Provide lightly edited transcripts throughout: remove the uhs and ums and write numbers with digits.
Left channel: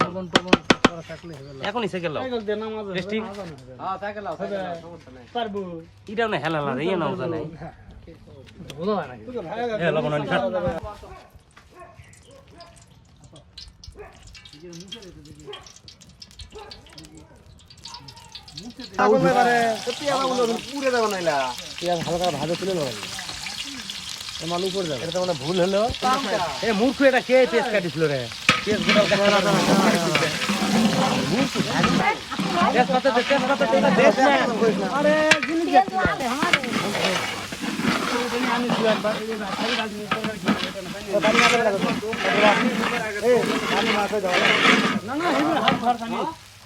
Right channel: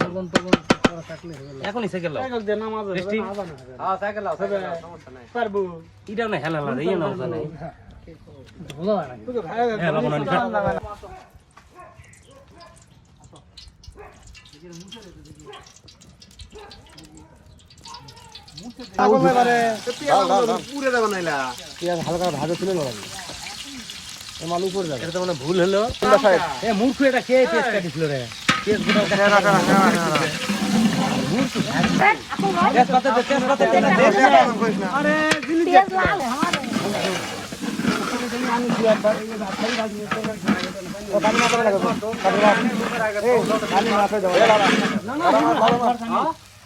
লবণ টবণ করা থাকলে হবে না। এখনই সাইকেল লাও সাইকেল দে নামাজ টেস্টি হ্যাঁ সাইকেল লাও সমস্যা নাই পারবো এটাও না হেলা না ইয়ে নাও জানাই বোঝা যায় না এ লবণ আনি খা পুরে দেব নাইলা পেঁয়াজ হালকা ভাজা ছিল না মালুই পড়ে যাবে এটা তো মানে ভুল হলো এ মূর্খ এটা কে পেস্ট কাটিছিল রে পেস্ট গুলো আরে জিনিস আমি দু একবার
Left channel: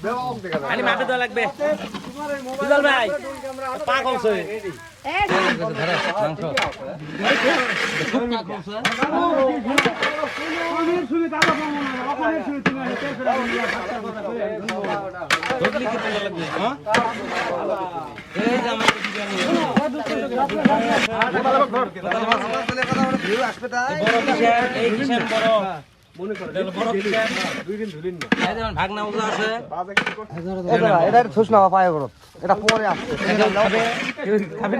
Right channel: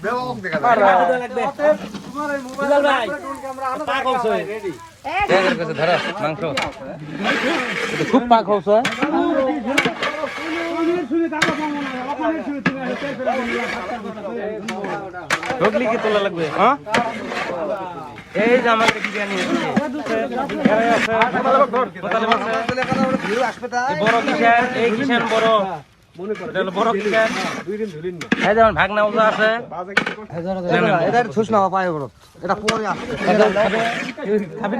বেবাক দেখা আরে মাটুটা লাগবে বুঝাল ভাই পাগল ছয় ধরো মাংস খুব পাগল ছয় ঢোকলি কি তোলা লাগবে হ্যাঁ এই যে আমার বিরিয়ানি ভিউ আসবে তাই বড় কিসের এই কিসের বড় মনে করে বড় কিসের দুই দিন ধুলিন না এই যেমন ভাগনা ওজা আছে এটা ছুস না পায় করো এটা পরে আসছে খাবে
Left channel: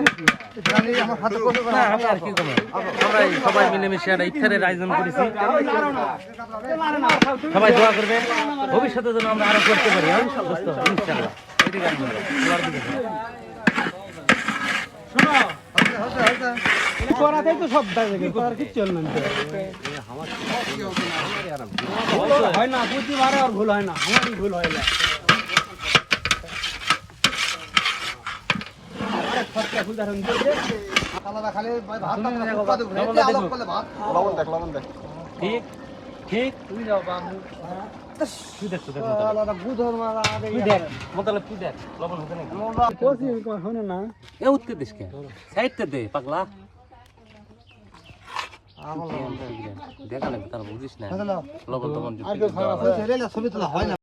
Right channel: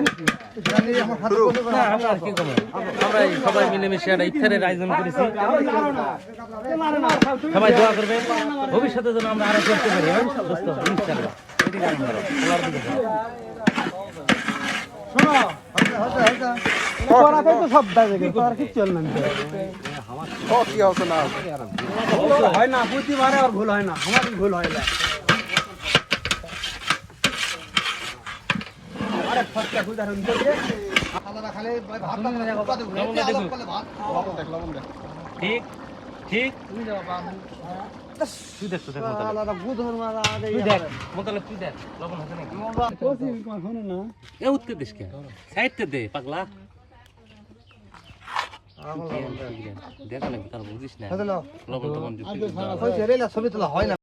খাবে আমার হাতে না আমি আর কি করবো আমরা এই সবাই মিলেমিশে একটা ইফতারের আয়োজন করেছি সবাই দোয়া করবেন ভবিষ্যতে যেন আমরা আরো করতে পারি হ্যাঁ দোস্ত ইনশাআল্লাহ এদিকে আসুন ভালো। আল্লাহর দিকে যান। পড়াতেই তো সব দাগে আর কিছু চল না কি হবে না হয় না প্রতিবারে আর ভুল হয় না আমার ভুল হয় না খালি ভাত উৎপাদন ঘুরে আলাপ করলে ভাত লবণ দেখ ঠিক ঠিক তুমি যাও বা তুই দেখ তুই দেখ আলাদা বুধর মারা আগে তুই দেখ মোতালে তুই দেখ লবণ হবে না কোসি শোনো না এ উঠতে দিস কেন সাইডতে দে পাগলা দেখা লাগবে তার বুঝিস না লবণ টবণ যুক্তি ছবি তোলা হয় না